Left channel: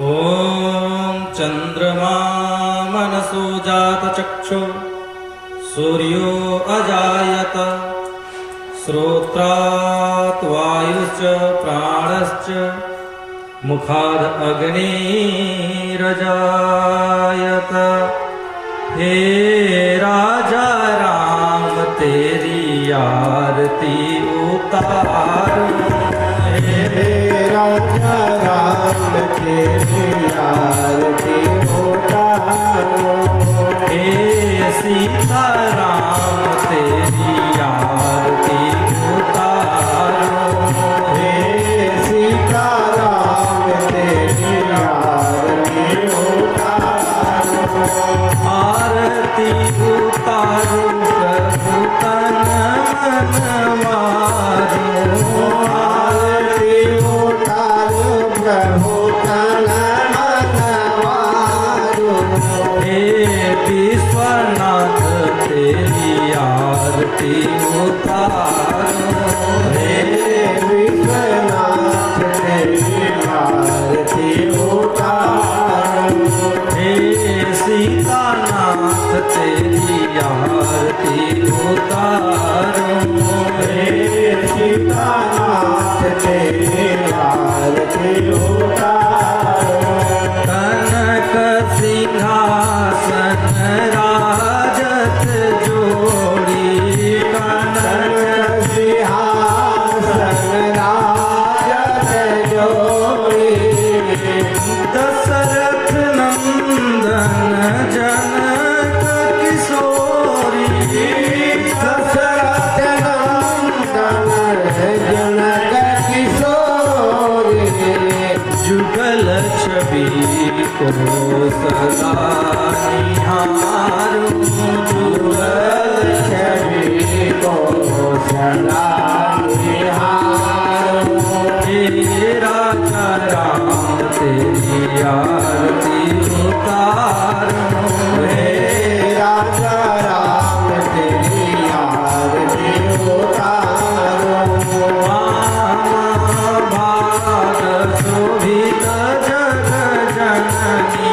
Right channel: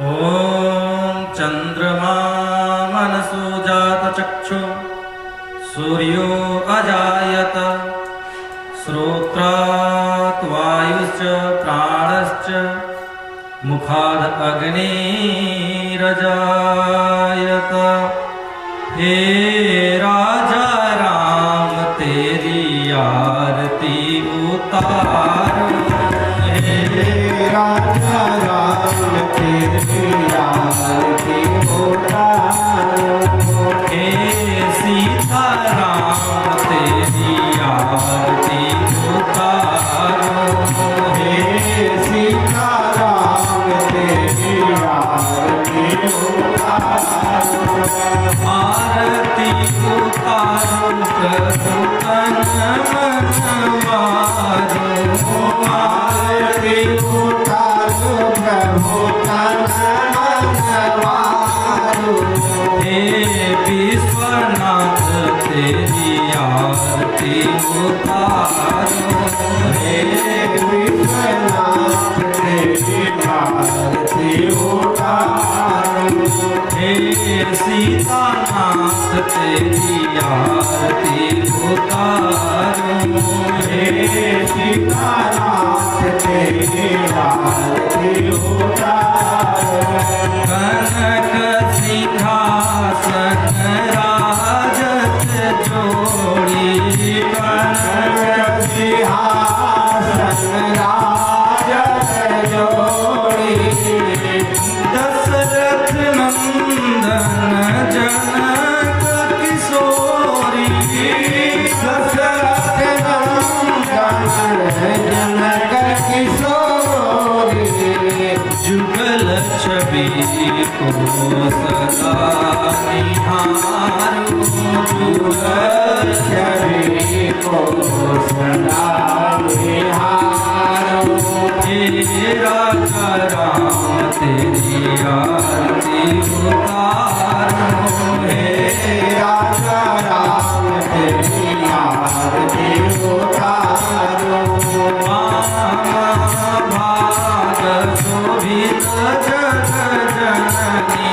ॐ चन्द्रमा मनसो जातचक्षु सूर्यो अजायत श्रोत्रात् वायुश्च प्राणश्च मुखाद् अग्निरजायत। हे राजा राम तेरी आरती उतारो। हे राजा राम तेरी आरती उतारो। हे सीता राम तेरी आरती उतारो। हे सीता राम तेरी आरती उतारो। आरती उतारो प्रभु तन मन मारो। आरती उतारो प्रभु तन मन मारो। हे विश्वनाथ तेरी आरती उतारो। हे विश्वनाथ तेरी आरती उतारो। हे सीतानाथ तेरी आरती उतारो। हे सीतानाथ तेरी आरती उतारो। कनक सिंहासन राजत जोड़ी। कनक सिंहासन राजत जोड़ी। दशरथ नंदन जनक किशोरी। दशरथ नंदन जनक किशोरी। जुगल छवि को सदा निहारो। जुगल छवि को सदा निहारो। हे राजा राम तेरी आरती उतारो। हे राजा राम तेरी आरती उतारो। भाग शोभित जग जननी।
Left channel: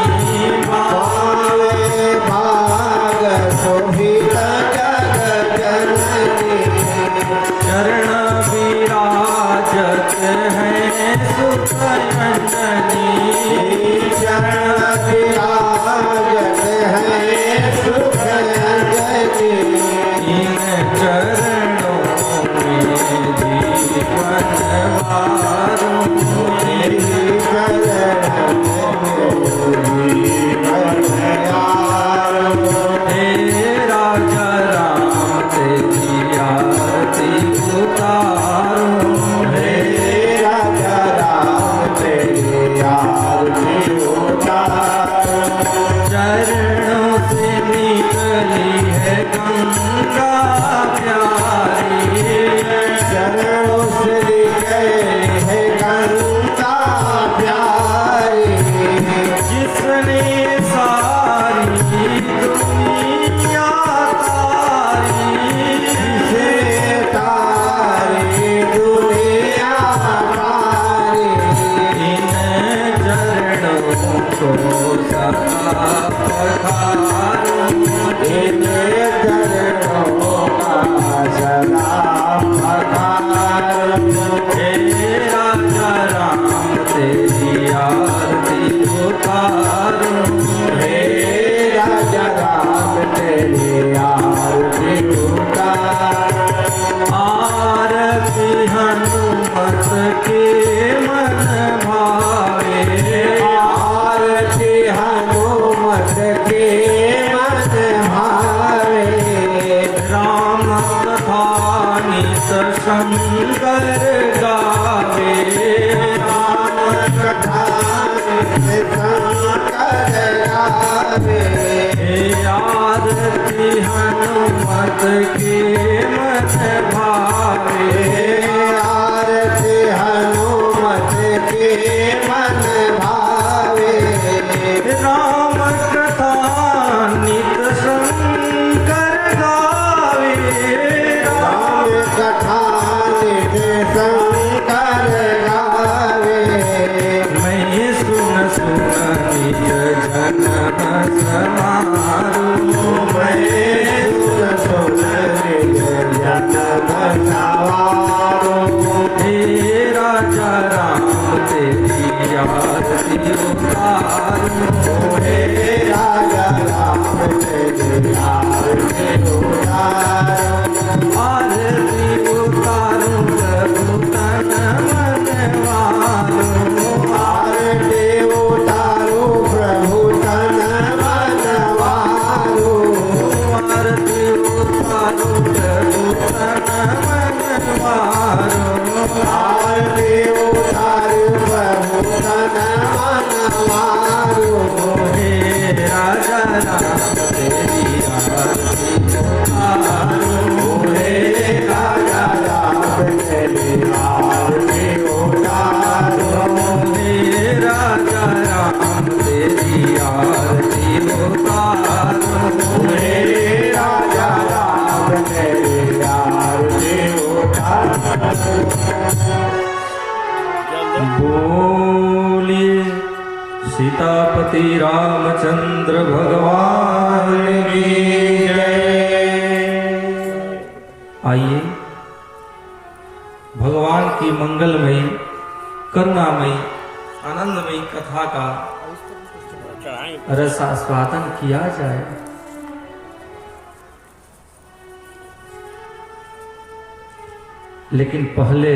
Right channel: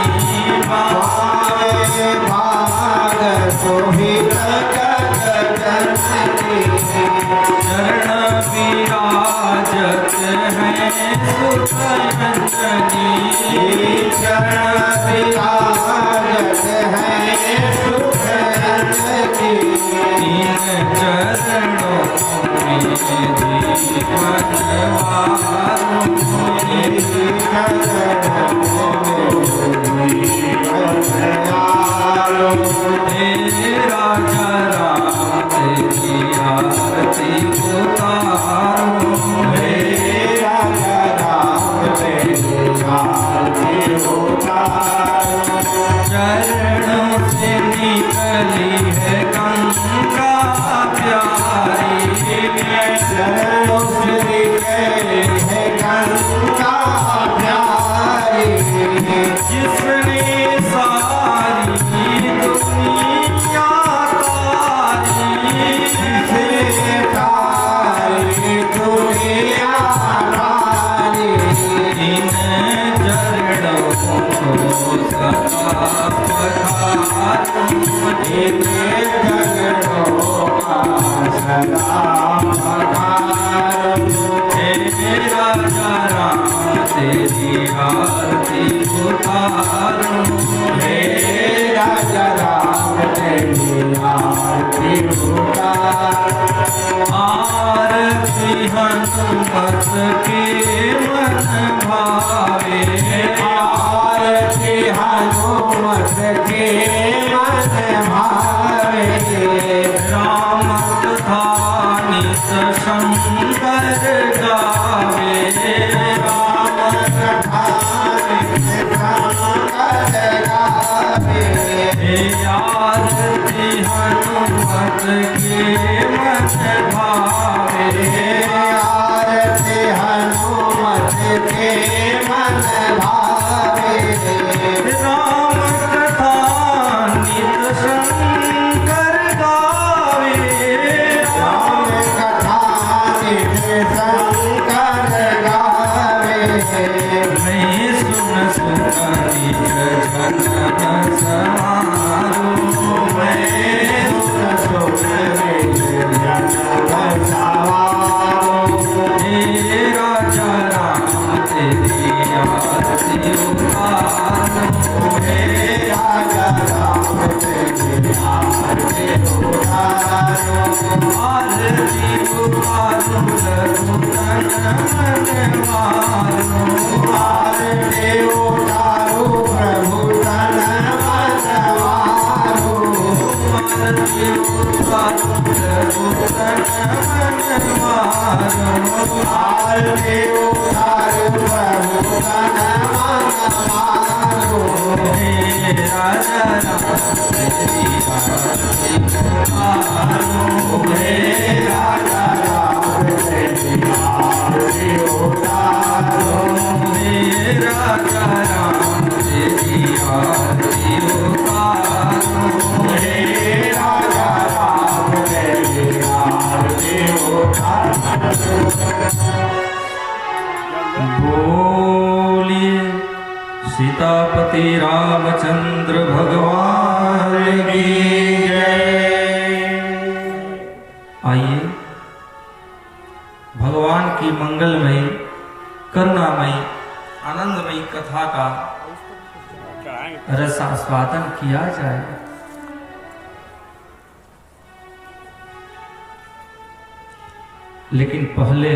पावे भाग शोभित जग जननी। चरण विराजत है सुख अंजनी। चरण विराजत है सुख अंजनी। इन चरणों में जीवन वारो। हे राजा राम तेरी आरती उतारो। हे राजा राम तेरी आरती उतारो। चरणों से निकली है गंगा प्यारी। चरणों से निकली है गंगा प्यारी। जिसने सारी दुनिया तारी। जिसने तारी दुनिया तारी। इन चरणों को सदा पधारो। इन चरणों का सदा पधारो। हे राजा राम तेरी आरती उतारो। हे राजा राम तेरी आरती उतारो। आरती हनुमत के मन भावे। आरती हनुमत के मन भावे। राम कथा नित शंकर गावे। राम कथा नित शंकर गावे। हे आरती हनुमत के मन भावे। आरती हनुमत के मन भावे। राम कथा नित शंकर गावे। राम कथा नित शंकर गावे। मैं सुन सुन तेरी आरती उतारूं हे राजा राम तेरी आरती उतारूं आरती उतारूं प्रभु तन मन मारूं आरती उतारूं प्रभु तन मन मारूं आरती उतारूं प्रभु तन मन मारूं आरती उतारूं प्रभु तन मन मारूं हे राजा राम तेरी आरती उतारूं हे राजा राम तेरी आरती उतारूं हे राजा राम तेरी आरती उतारूं हे राजा राम तेरी आरती उतारूं बोलिए सीतापति रामचंद्र भगवान की जय। आइए भगवान की मंगलमयी करुणामयी आनंदमयी कथा का रसास्वादन किया जाए। लेकिन पहले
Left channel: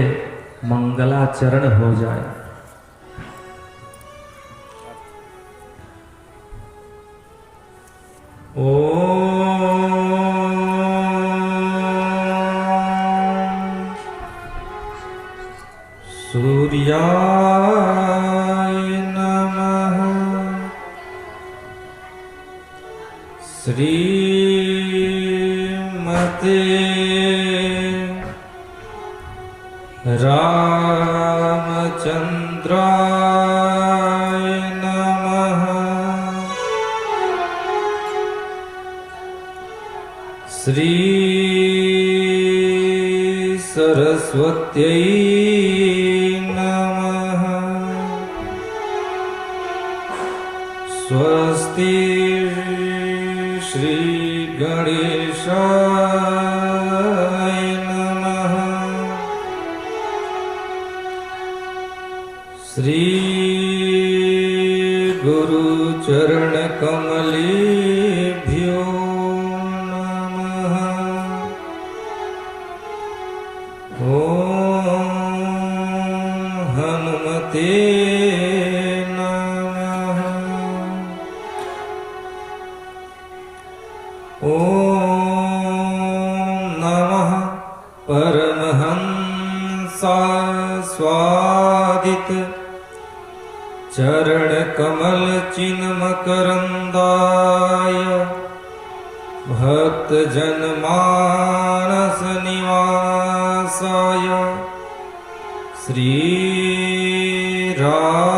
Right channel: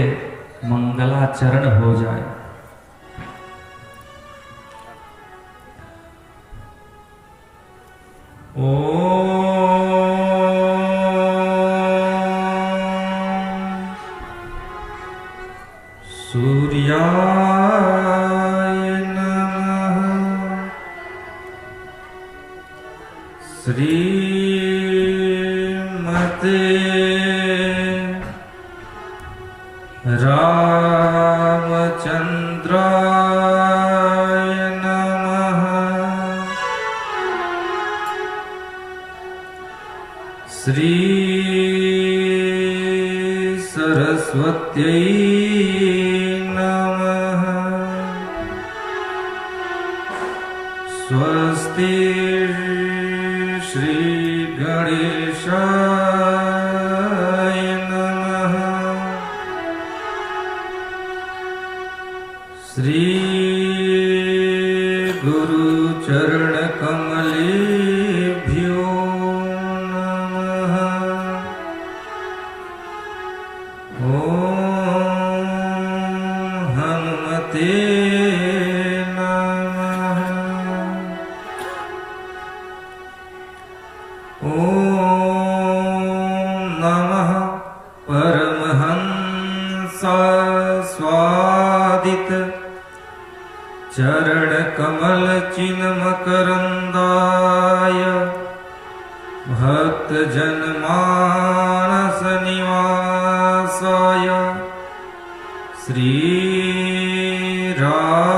मंगलाचरण हो जाए। ओम सूर्याय नमः श्रीमते रामचंद्राय नमः श्री सरस्वत्यै नमः स्वस्ति श्री गणेशाय नमः श्री गुरुचरण कमलेभ्यो नमः ओम हनुमते नमः ओम नमः परमहंसास्वादित चरण कमल चिन्मकरंदाय भक्त जनमानस निवासाय श्री रामचंद्राय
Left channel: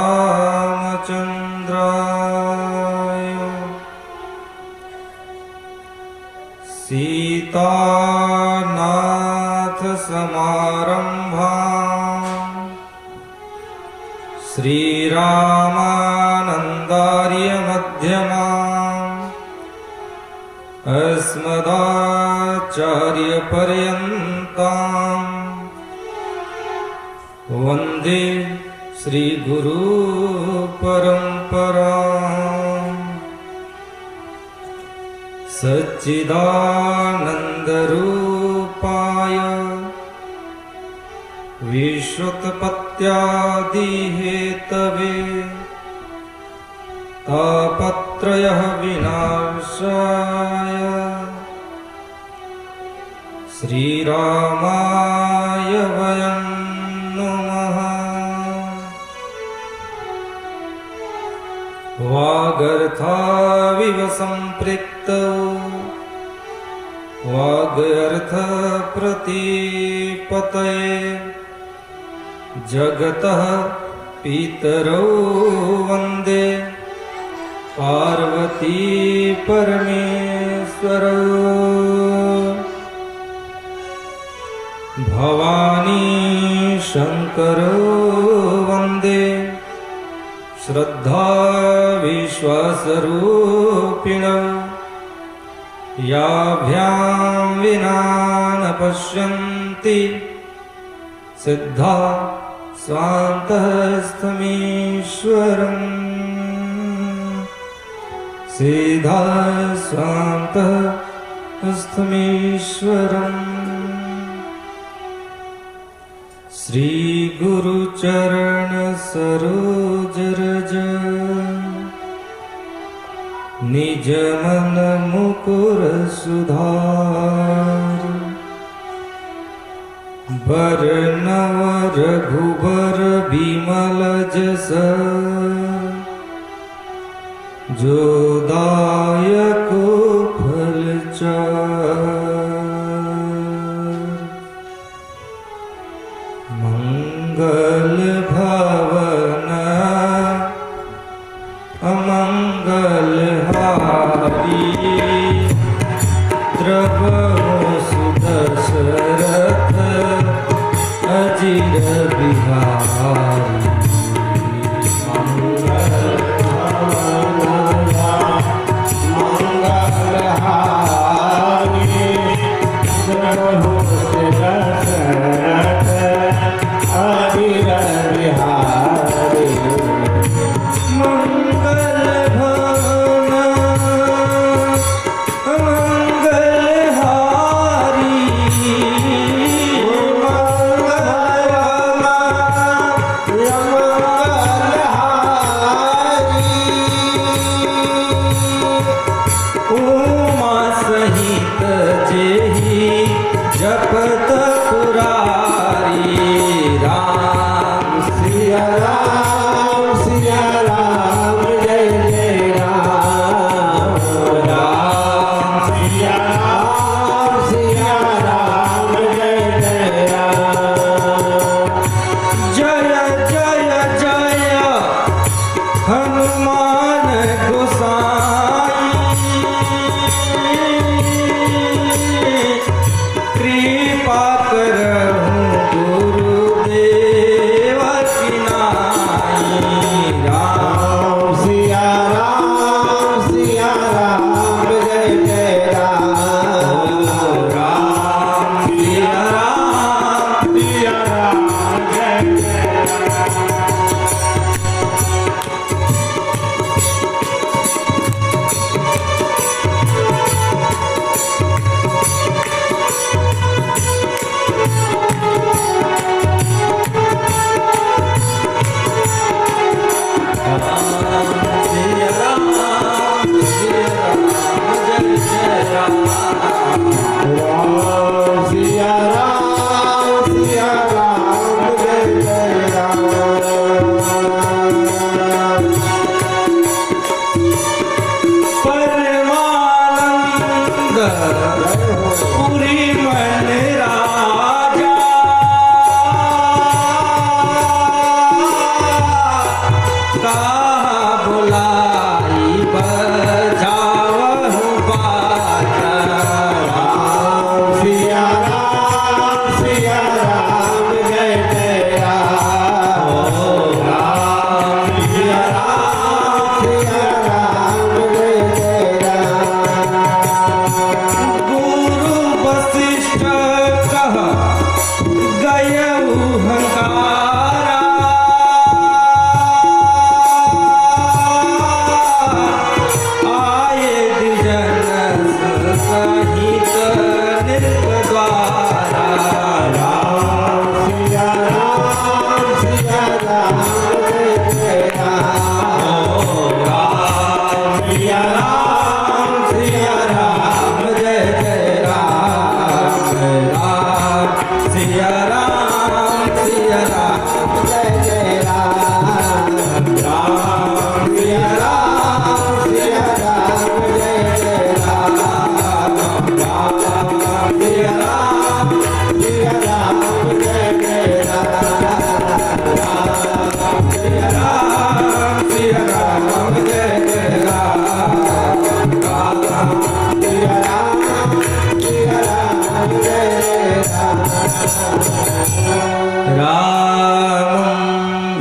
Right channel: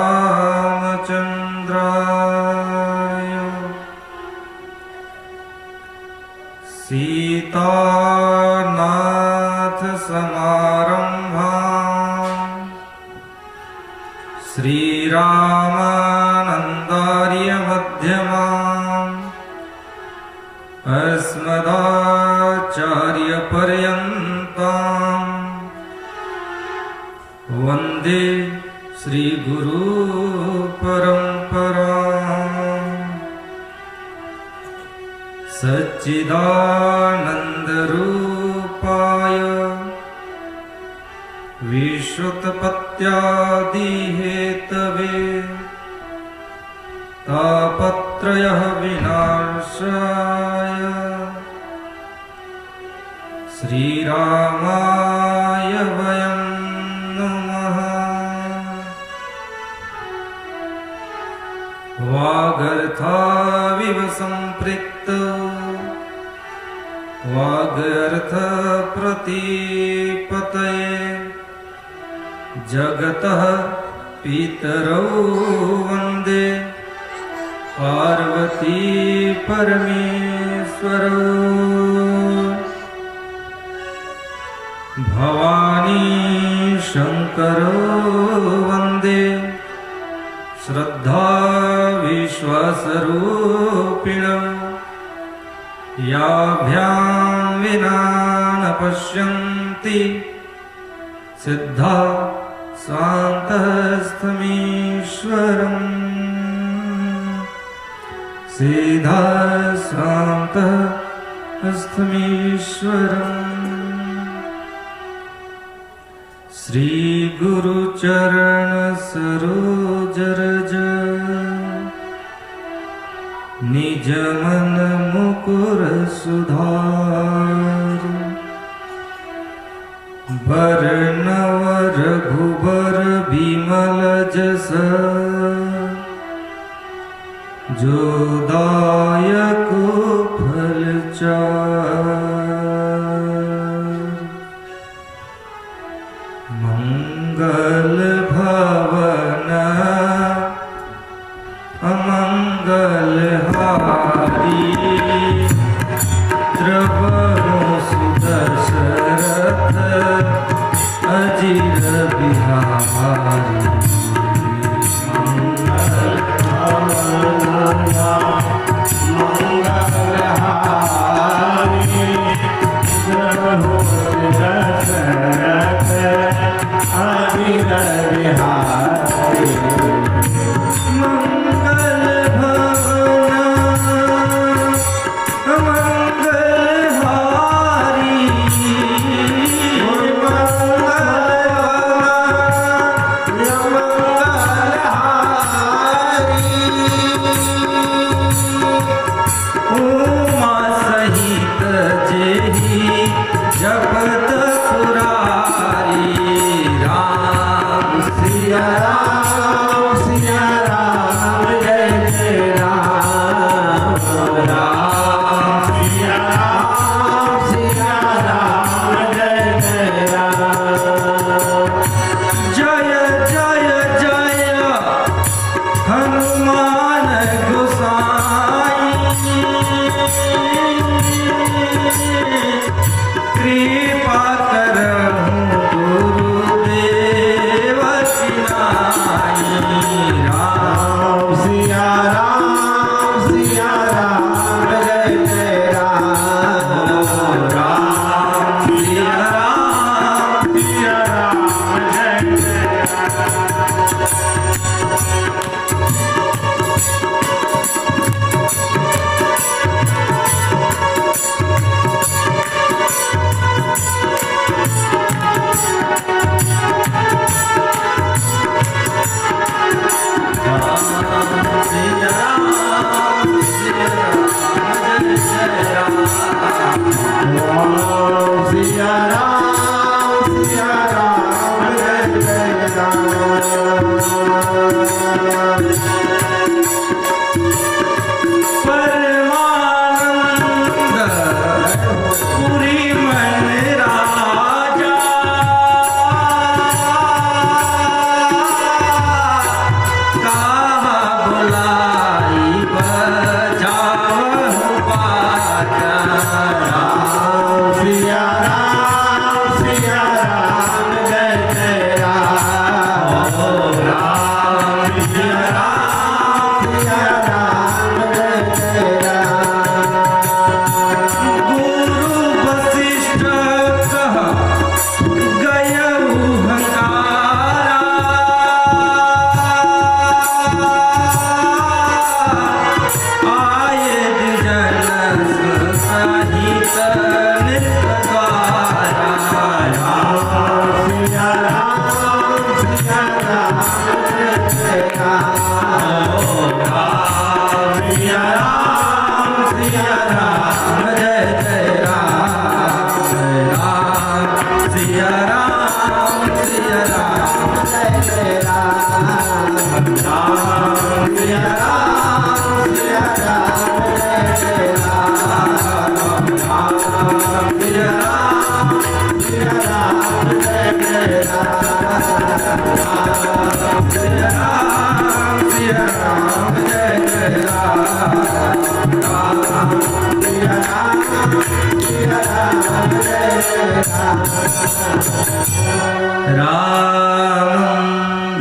सीतानाथ समारंभाम् श्रीरामानन्दार्य मध्यमाम् अस्मदाचार्यपर्यन्ताम् वन्दे श्रीगुरुपरम्पराम् सच्चिदानन्दरूपाय विश्वोत्पत्त्यादिहेतवे तापत्रयः विनाशाय श्रीरामाय वयं नमः। वागर्थाविव सम्पृक्तौ वागर्थप्रतिपतये जगतः पितरौ वन्दे पार्वती परमेश्वरौ। भवानी शंकरो वन्दे श्रद्धा विश्वासरूपिणौ। याभ्यां विना न पश्यन्ति सिद्धा स्वान्तस्थमीश्वरम् सीधा स्वान्तस्थमीश्वरम् श्री गुरुचरण सरोज रज निज मन मुकुर सुधार बरनव रघुबर बिमल जस जो दायक फलचार मंगल भवन अमंगल हारी द्रवहु सुदशरथ अजिर बिहारी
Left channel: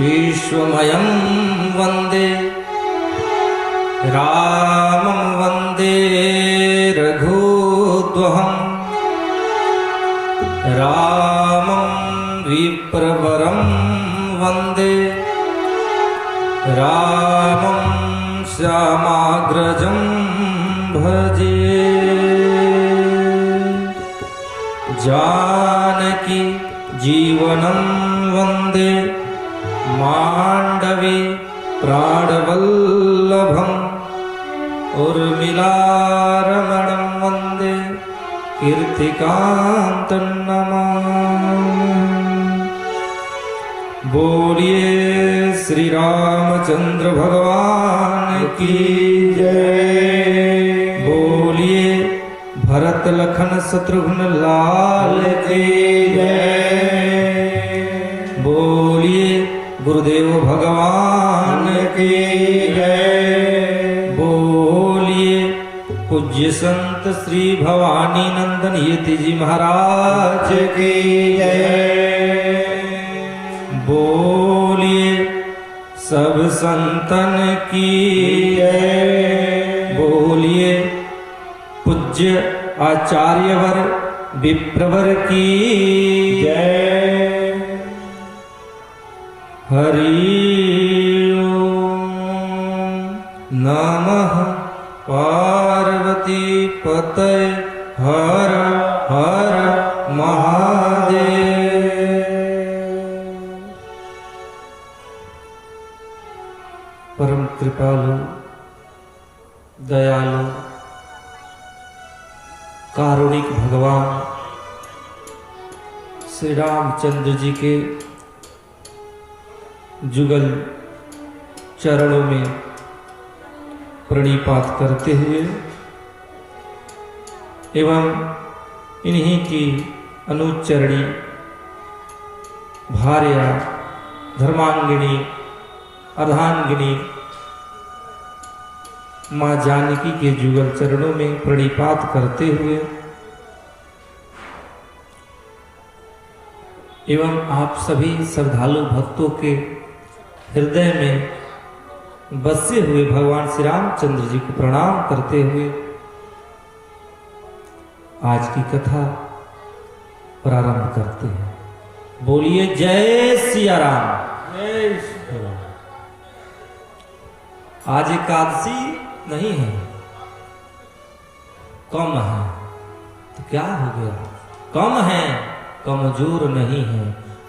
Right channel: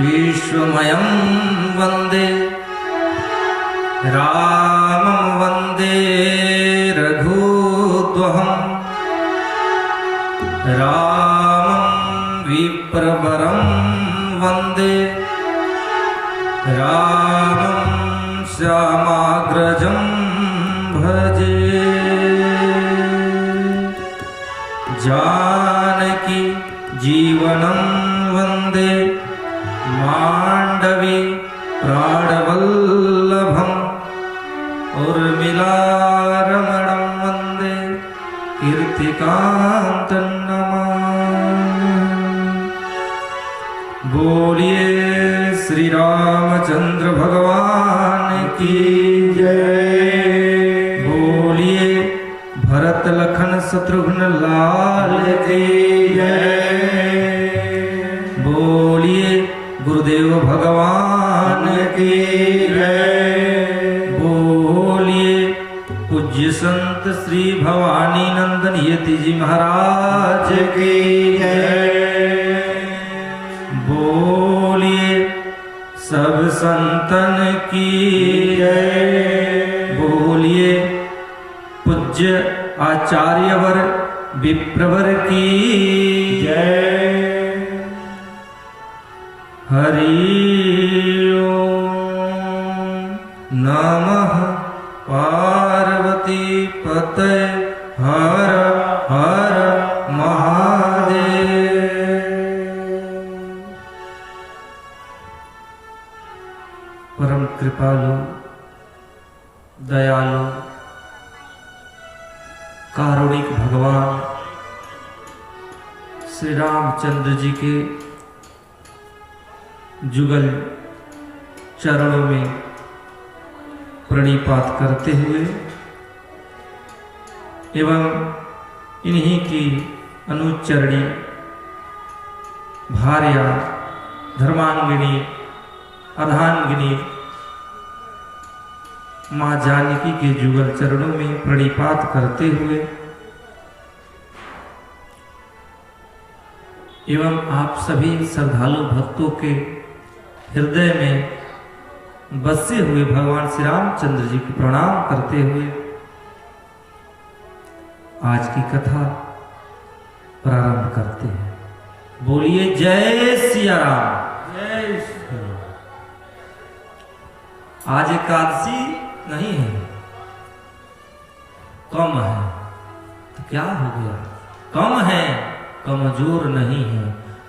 विश्वमयं वन्दे रामं वन्दे रघुद्वहं रामं विप्रवरं वन्दे रामं श्यामाग्रजं भजे जानकी जीवनं वन्दे माण्डवी प्राणवल्लभम् उर्मिलारमणं वन्दे कीर्तिकान्तं नमामि। बोलिए श्री रामचंद्र भगवान की जय। बोलिए भरत लखन शत्रुघ्न लाल की जय। बोलिए गुरुदेव भगवान की जय। बोलिए पूज्य संत श्री भवानी नंदन यति जी महाराज की जय। बोलिए सब संतन की जय। बोलिए पूज्य आचार्यवर विप्रवर की जय। हरि ओम नमः पार्वती पतये हर हर महादेव। परम कृपालु दयालु कारुणिक भगवान श्री रामचंद्र जी के जुगल चरणों में प्रणिपात करते हुए एवं इन्हीं की अनुचरणी भार्या धर्मांगिनी अर्धांगिनी माँ जानकी के जुगल चरणों में प्रणिपात करते हुए एवं आप सभी श्रद्धालु भक्तों के हृदय में बसे हुए भगवान श्री रामचंद्र जी को प्रणाम करते हुए आज की कथा प्रारंभ करते हैं। बोलिए जय सिया राम। जय श्री राम। आज एकादशी नहीं है, कम है तो क्या हो गया? कम है, कमजोर नहीं है।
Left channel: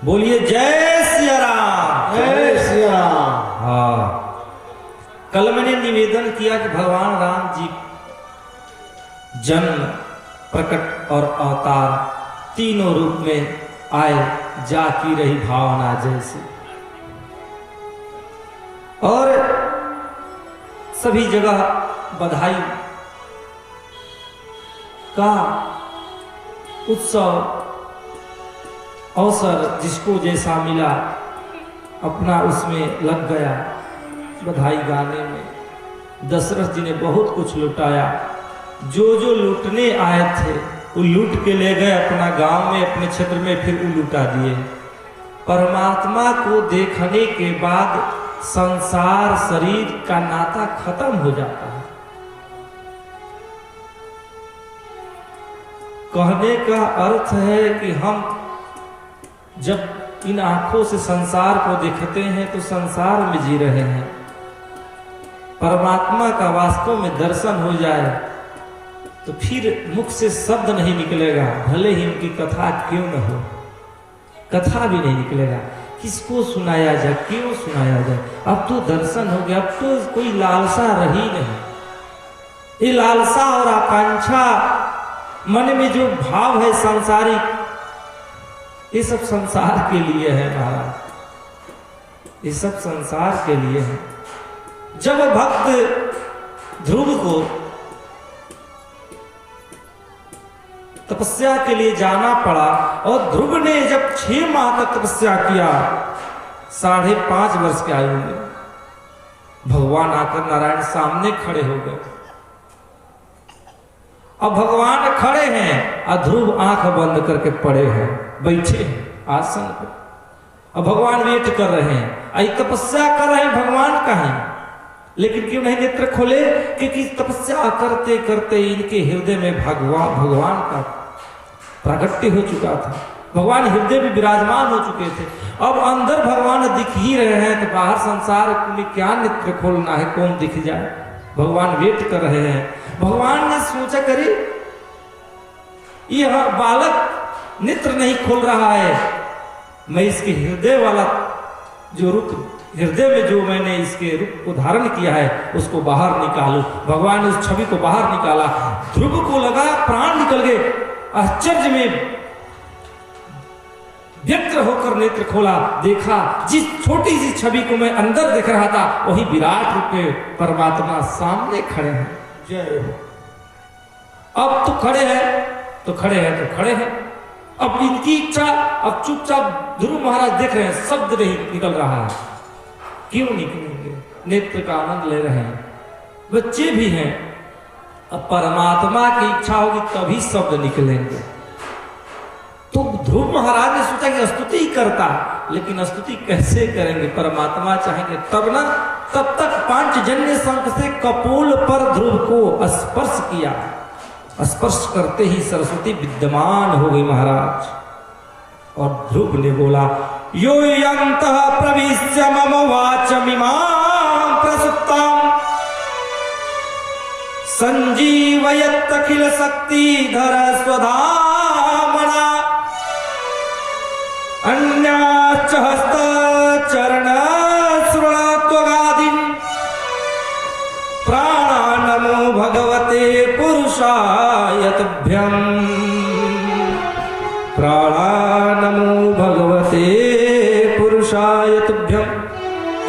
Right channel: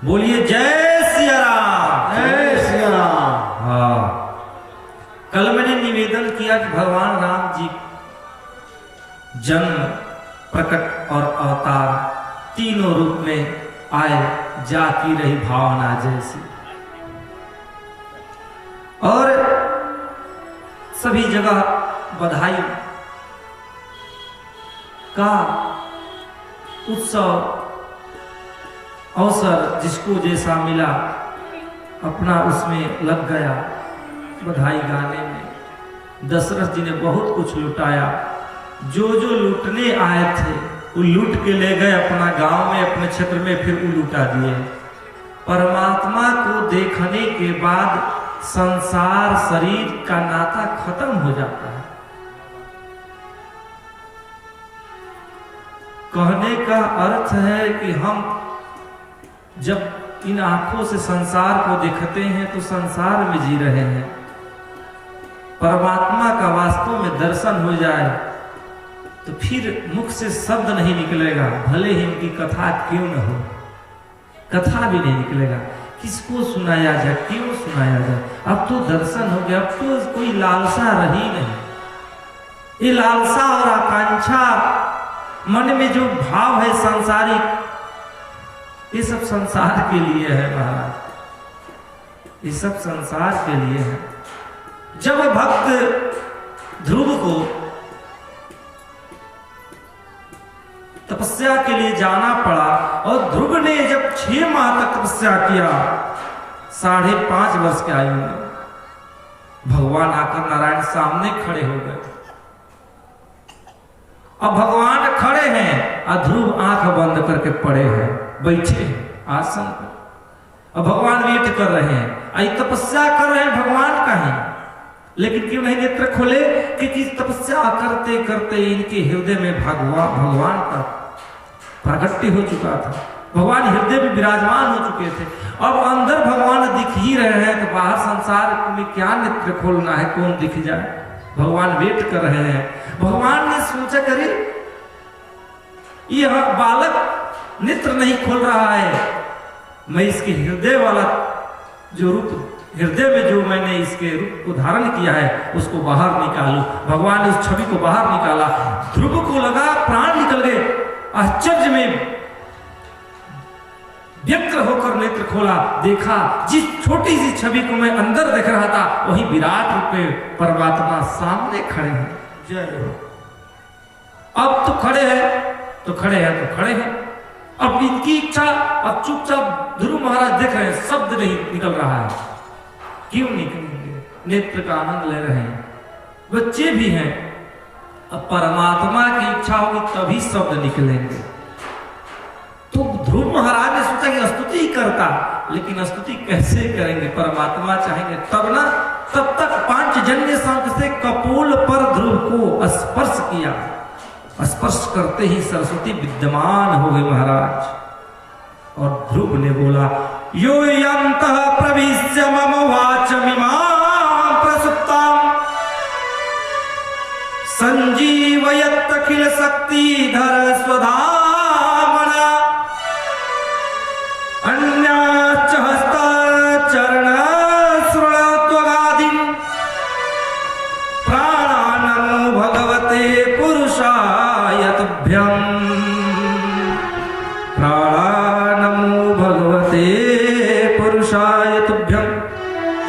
बोलिए जय सिया राम। जय श्री राम। हाँ, कल मैंने निवेदन किया कि भगवान राम जी जन्म प्रकट और अवतार तीनों रूप में आए, जाकी रही भावना जैसी, और सभी जगह बधाई का उत्सव अवसर जिसको जैसा मिला अपना उसमें लग गया बधाई गाने में। दशरथ जी ने बहुत कुछ लुटाया, जो जो लूटने आए थे वो लूट के ले गए अपना गांव में, अपने क्षेत्र में, फिर वो लुटा दिए। परमात्मा को देखने के बाद संसार शरीर का नाता खत्म हो जाता है। कहने का अर्थ है कि हम जब इन आंखों से संसार को देखते हैं तो संसार में जी रहे हैं। परमात्मा का वास्तव में दर्शन हो जाए तो फिर मुख से शब्द नहीं निकलेगा, भले ही इनकी कथा क्यों न हो, कथा भी नहीं निकलेगा। किसको सुनाया जाए, क्यों सुनाया जाए? अब तो दर्शन हो गया, अब तो कोई लालसा रही नहीं। ये लालसा और आकांक्षा मन में जो भाव है सांसारिक, ये सब संसार के लिए है महाराज, ये सब संसार के लिए है। जब भक्त ध्रुव को तपस्या के लिए जाना पड़ा और ध्रुव ने जब 6 माह तक तपस्या किया, 5.5 वर्ष के आयु में भगवान आकर नारायण सामने खड़े हो गए। अब भगवान खड़े हैं और ध्रुव आंख बंद करके पड़े हैं, बैठे हैं आसन पर। अब भगवान वेट कर रहे हैं, आई तपस्या कर रहे हैं भगवान कहीं, लेकिन क्यों नहीं नेत्र खोले? क्योंकि तपस्या करते करते इनके हृदय में भगवान का प्रागट्य हो चुका था। भगवान हृदय में विराजमान हो चुके थे। अब अंदर भगवान दिख ही रहे हैं तो बाहर संसार में क्या नेत्र खोलना है, कौन दिख जाए। भगवान वेट कर रहे हैं। भगवान ने सोचा करे यह बालक नेत्र नहीं खोल रहा है, मैं इसके हृदय वाला जो रूप, हृदय में जो मैंने इसके रूप को धारण किया है उसको बाहर निकालूं। भगवान ने उस छवि को बाहर निकाला। ध्रुव को लगा प्राण निकल गए। आश्चर्य में व्यग्र होकर नेत्र खोला, देखा जिस छोटी सी छवि को मैं अंदर देख रहा था वही विराट रूप में परमात्मा सामने खड़े हैं। जय हो। अब तो खड़े हैं तो खड़े हैं तो खड़े हैं। अब इनकी इच्छा, अब चुपचाप ध्रुव महाराज देख रहे हैं, शब्द नहीं निकल रहा है। क्यों निकलेंगे? नेत्र का आनंद ले रहे हैं, बच्चे भी हैं। अब परमात्मा की इच्छा होगी तभी शब्द निकलेंगे। तो ध्रुव महाराज ने सोचा कि स्तुति ही करता, लेकिन स्तुति कैसे करेंगे? परमात्मा चाहेंगे तब ना। तब तक पांचजन्य शंख से कपोल पर ध्रुव को स्पर्श किया। स्पर्श करते ही सरस्वती विद्यमान हो गए महाराज। और ध्रुव ने बोला, यो यन्तः प्रविश्य मम वाचमिमां प्रसुप्तां संजीवयत् अखिल शक्तिधर स्वधामना अन्याच्च हस्तचरण श्रुणोत्वगादिं प्राणानमो भगवते पुरुषाय तुभ्यं। प्राणानमो भगवते पुरुषाय तुभ्यं।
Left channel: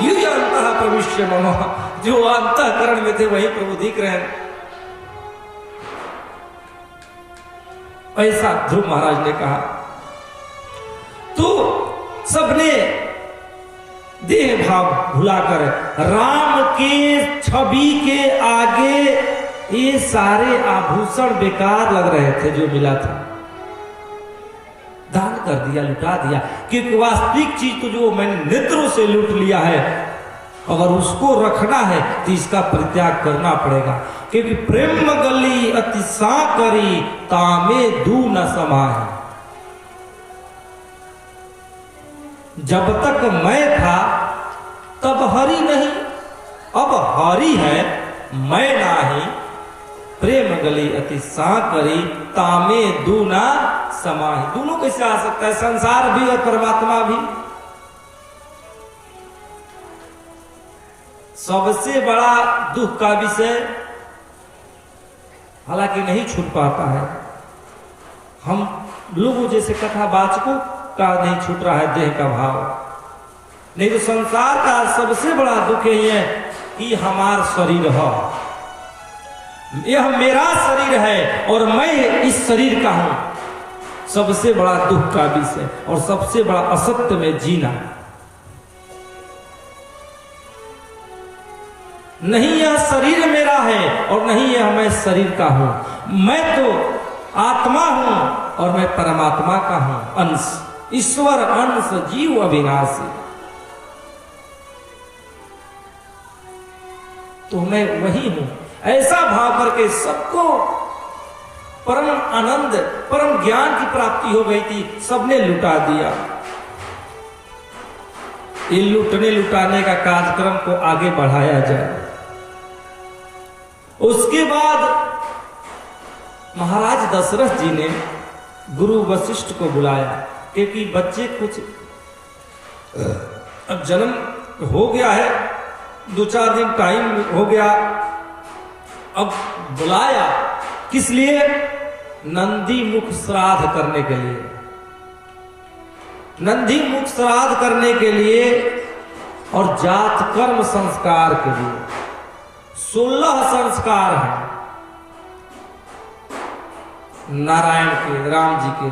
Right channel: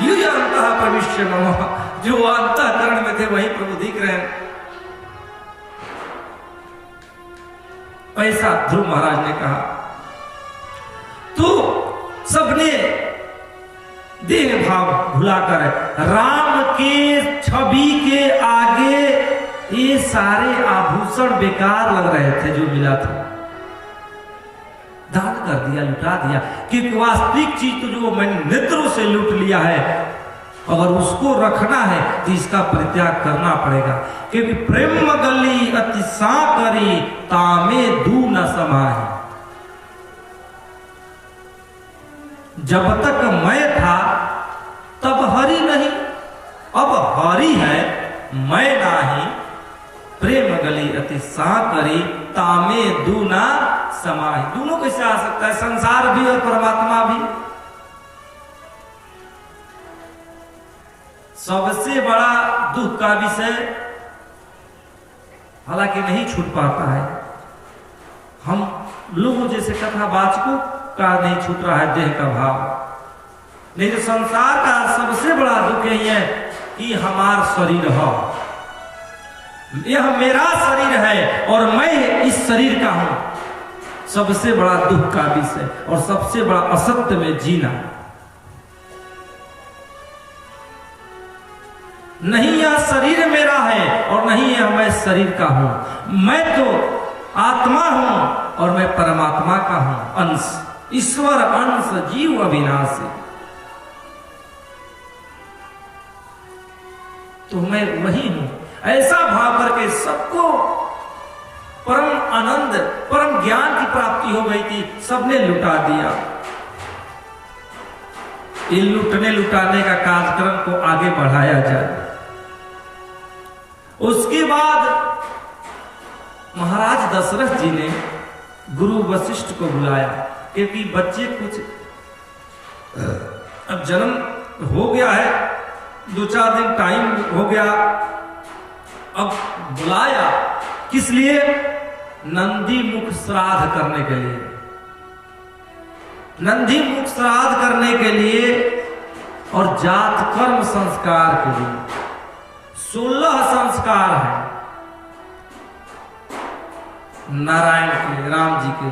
युय अंतः प्रविश्य मम, जो अंतःकरण में थे वही प्रभु दिख रहे हैं। ऐसा ध्रुव महाराज ने कहा। तो सबने देह भाव भुलाकर राम के छवि के आगे ये सारे आभूषण बेकार लग रहे थे जो मिला था, दान कर दिया, लुटा दिया। क्योंकि वास्तविक चीज तो जो मैंने नेत्रों से लूट लिया है, अगर उसको रखना है तो इसका परित्याग करना पड़ेगा। क्योंकि प्रेम गली अति साकरी तामे दू न समाहि। जब तक मैं था तब हरि नहीं, अब हरि है मैं नाही। प्रेम गली अति साकरी तामे दू न समाहि। दोनों कैसे आ सकता है? संसार भी और परमात्मा भी। सबसे बड़ा दुख का विषय हालांकि नहीं छूट पाता है, हम लोगों जैसे कथावाचकों का नहीं छूट रहा है देह का भाव। नहीं तो संसार का सबसे बड़ा दुख यही है कि हमारा शरीर हो, यह मेरा शरीर है और मैं इस शरीर का हूं। सबसे बड़ा दुख का विषय और सबसे बड़ा असत्य में जीना। नहीं यह शरीर मेरा है और नहीं यह मैं शरीर का हूं। मैं तो आत्मा हूं और मैं परमात्मा का हूं, अंश, ईश्वर अंश, जीव अविनाशी। तो मैं वही हूं। ऐसा भाव करके सबको परम आनंद, परम ज्ञान की प्राप्ति हो गई थी, सबने लुटा दिया। ये लुटने लुटाने का कार्यक्रम को आगे बढ़ाया जाए। उसके बाद महाराज दशरथ जी ने गुरु वशिष्ठ को बुलाया, क्योंकि बच्चे कुछ अब जन्म हो गया है, 2-4 दिन टाइम हो गया। अब बुलाया किस लिए? नंदी मुख श्राद्ध करने के लिए। नंदी मुख श्राद्ध करने के लिए और जात कर्म संस्कार के लिए 16 संस्कार हैं नारायण के, राम जी के।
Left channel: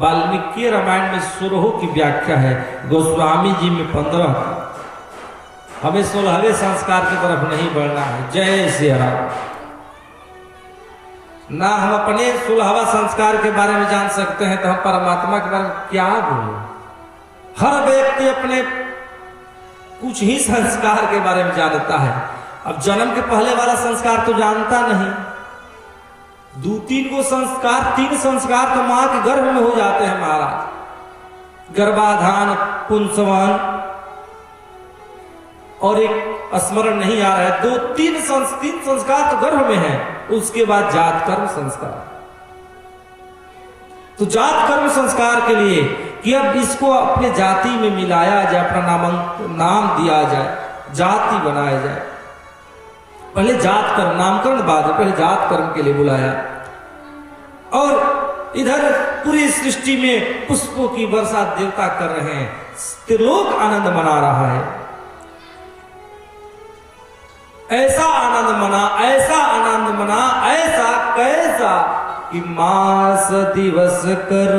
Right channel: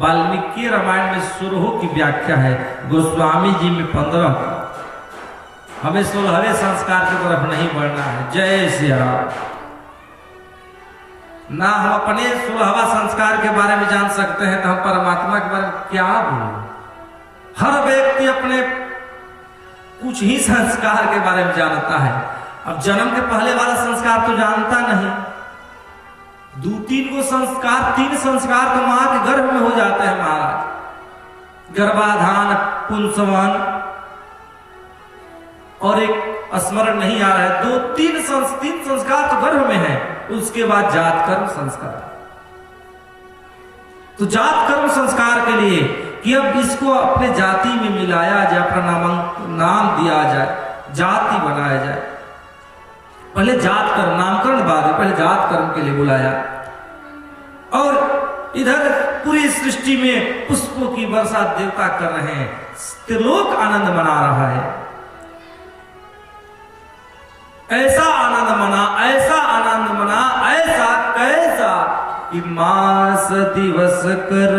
वाल्मीकि रामायण में 16 की व्याख्या है, गोस्वामी जी में 15 का। हमें 16वें संस्कार की तरफ नहीं बढ़ना है। जय श्री राम। ना हम अपने 16वां संस्कार के बारे में जान सकते हैं तो हम परमात्मा के बारे में क्या बोलें? हर व्यक्ति अपने कुछ ही संस्कार के बारे में जानता है। अब जन्म के पहले वाला संस्कार तो जानता नहीं। 2-3 को संस्कार, 3 संस्कार तो मां के गर्भ में हो जाते हैं महाराज। गर्भाधान, पुंसवन और एक स्मरण नहीं आ रहा है, तीन संस्कार तो गर्भ में है, उसके बाद जात कर्म संस्कार। तो जात कर्म संस्कार के लिए कि अब इसको अपने जाति में मिलाया जाए, अपना नाम दिया जाए, जाति बनाया जाए। पहले जात कर्म, नामकरण बाद में, पहले जात कर्म के लिए बुलाया। और इधर पूरी सृष्टि में पुष्पों की वर्षा देवता कर रहे हैं, त्रिलोक आनंद मना रहा है। ऐसा आनंद मना, ऐसा आनंद मना, ऐसा कैसा कि मास दिवस कर